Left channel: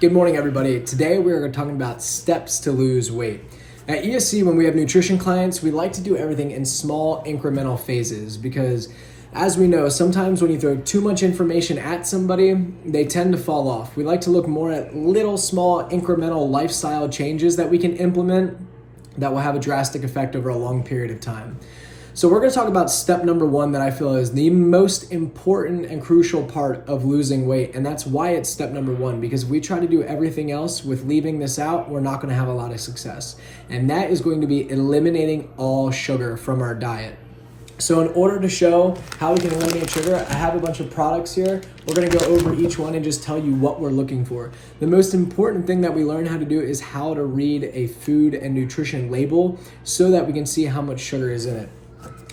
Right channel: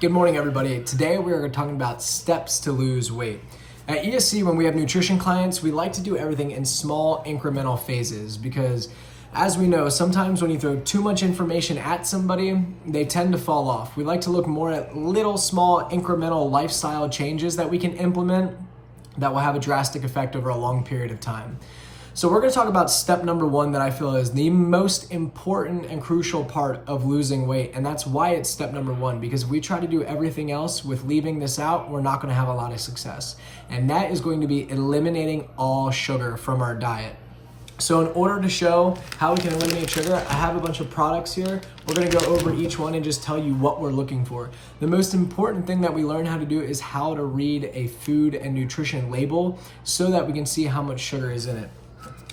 Good morning, everybody. Today we are talking about steps to lose weight. At ESC, when we have nutrition clients, we like to do everything in small incremental phases because, as we know, sometimes when you throw too much information at somebody, they tend to fall off. We like to look more at little, small, incremental lifestyle changes that we can implement that will have a drastic effect over a long period of time. So we're going to talk about step number one that I feel is the most important and crucial part of losing weight. And that's why it's step number one, because we try to do everything else with leaving this out, we're not going to have a lot of success. And that is going to be eliminating all sugar from our diet. So in order to show how we can eliminate sugar, I have a bunch of products here. We're gonna go over each one and just tell you what we're looking for. The most important thing that we learn how to do is how to read a food and nutrition label so that we can see how much sugar is in it.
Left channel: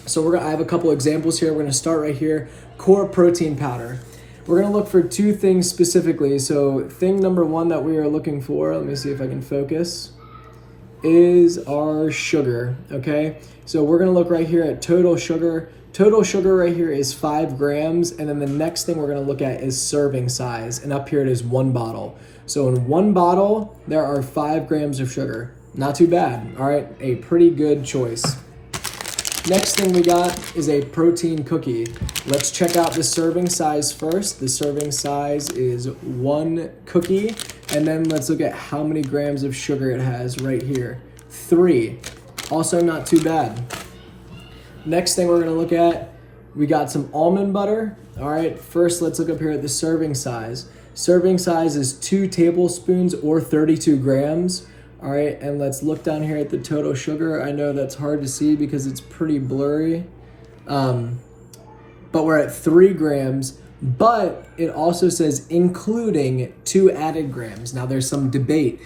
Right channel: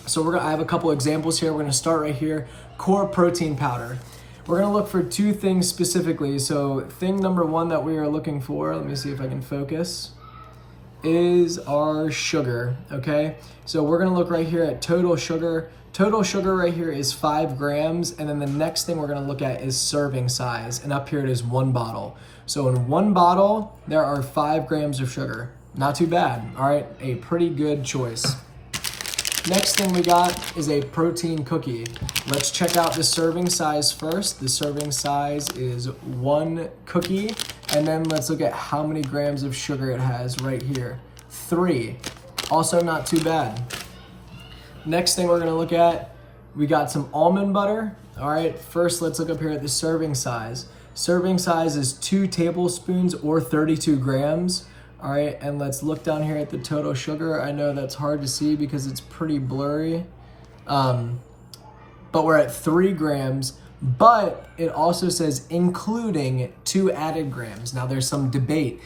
So I have a couple examples here. We're gonna start right here, core protein powder. We're gonna look for two things specifically. So thing number one that we are looking for, let me see if I can focus, is our sugar, okay? So we're gonna look right here at total sugar. Total sugar right here is 5 grams, and then the next thing we're gonna look at is serving size, and up here it is 1 bottle. So in 1 bottle, there are 5 grams of sugar. Not too bad, all right? A pretty good choice. Next thing we got is a protein cookie. Let's check out the serving size first. The serving size is 1 cookie, and then let's look at how many grams of sugar it has right here. 3. Also not too bad. Next thing we're gonna look at, we got some almond butter. All right, first let's look up here at the serving size. Serving size is 2 tablespoons or 32 grams. All right, and let's look down here at the total sugar. I know that's hard to see because it's pretty blurry, but we're at 3 grams, but it also says including 2 added grams. Now there's some debate.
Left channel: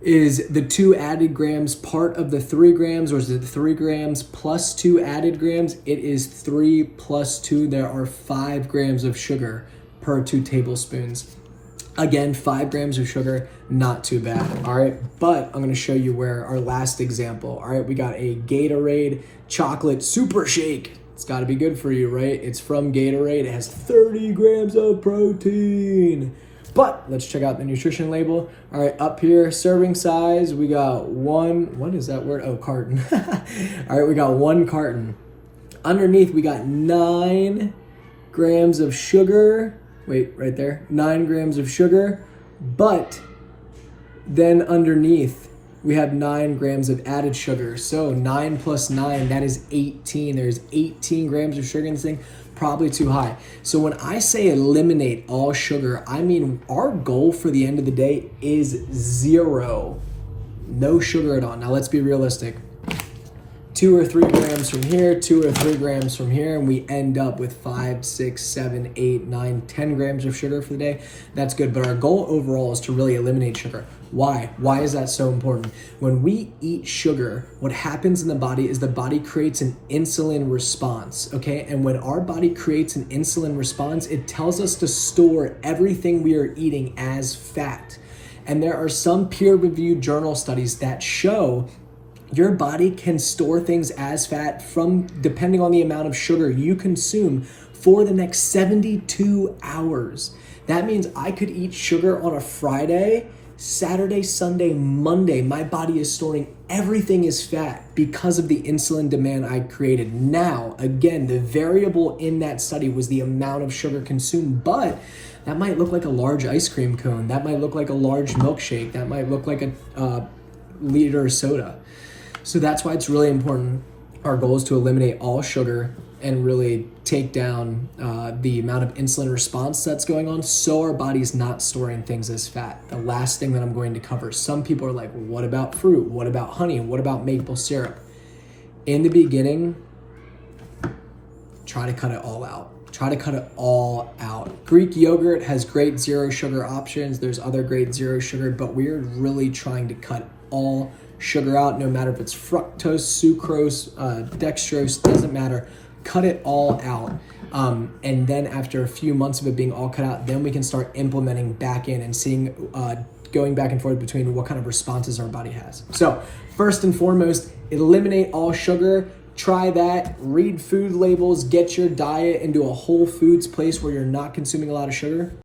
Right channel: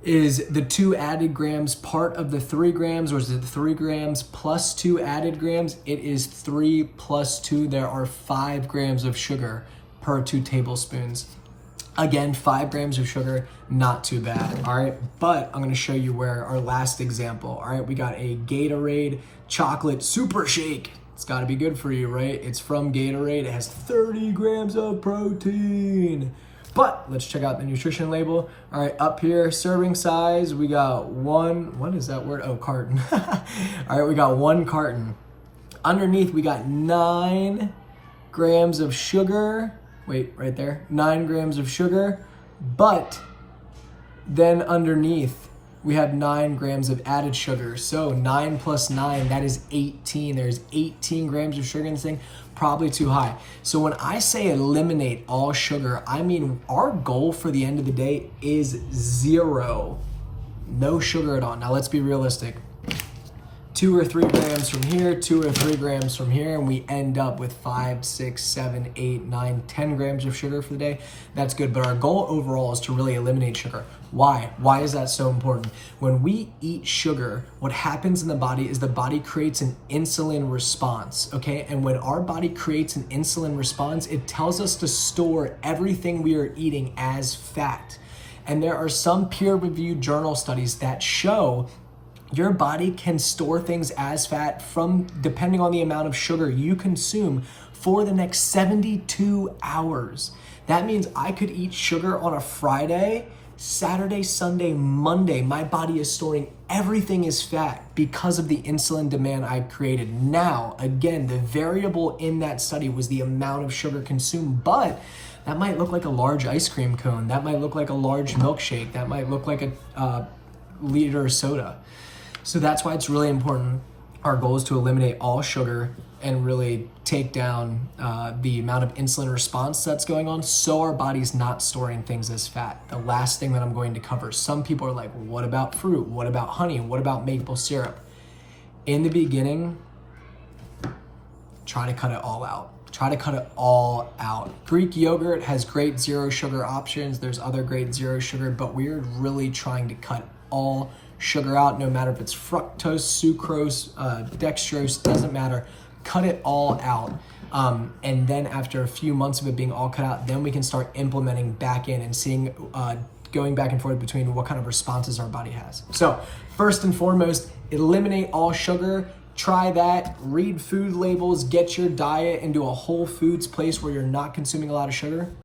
Is the 2 added grams part of the 3 grams, or is it 3 grams plus 2 added grams? It is 3 plus 2. There are 5 grams of sugar per 2 tablespoons. Again, 5 grams of sugar, not too bad, all right? But I'm gonna show you where our last example, all right? We got a Gatorade chocolate super shake. It's gotta be good for you, right? It's from Gatorade, it has 30 grams of protein. But let's check out the nutrition label. All right, up here, serving size, we got what is that word? Oh, carton. All right, we got 1 carton. Underneath, we got 9 grams of sugar. Wait, right there, 9 grams of sugar. But then underneath, we have 9 grams of added sugar. So 9 plus 9, that is 18. There's 18 grams of sugar in this thing. Probably too high. So when I say eliminate all sugar, I mean our goal for the end of the day is 0. No sugar at all. Now let's be realistic. 2 or 3 grams from here, 2 or 3 grams from here, and we end up with 5, 6, 7, 8, 9, 10 grams of sugar for the day. That's good, but our goal overall is to really eliminate sugar. Why? Why is that so important? When we eat sugar, what happens in the body is the body creates an insulin response, okay? And when our body creates an insulin response, it tells us to store everything we are eating as fat. And there are some peer-reviewed journal studies that show your body can store things as fat from depending on the amount of sugar you consume for the next 72 hours. That means I could eat sugar on a Friday, Saturday, Sunday, Monday. My body is storing everything as fat because of the insulin demand I created. Now, again, the variable in that study was the amount of sugar consumed, but that might look like a large ice cream cone. That might look like a large milkshake. That might look like a liter of soda. So that's why it's really important. Our goal is to eliminate all sugar and really take down the amount of insulin response that's going on so our body's not storing things as fat. The last thing that I'm going to cover, some people are like, what about fruit? What about honey? What about maple syrup? In the beginning, try to cut it all out. Try to cut it all out. Greek yogurt has great 0 sugar options. There's other great 0 sugar, but we're really trying to cut all sugar out, no matter if it's fructose, sucrose, dextrose, doesn't matter. Cut it all out. And then after a few months of it being all cut out, then we can start implementing back in and seeing, going back and forth between what kind of responses our body has. So first and foremost, eliminate all sugar. Try that, read food labels, get your diet into a whole foods place where you're not consuming a lot of sugar.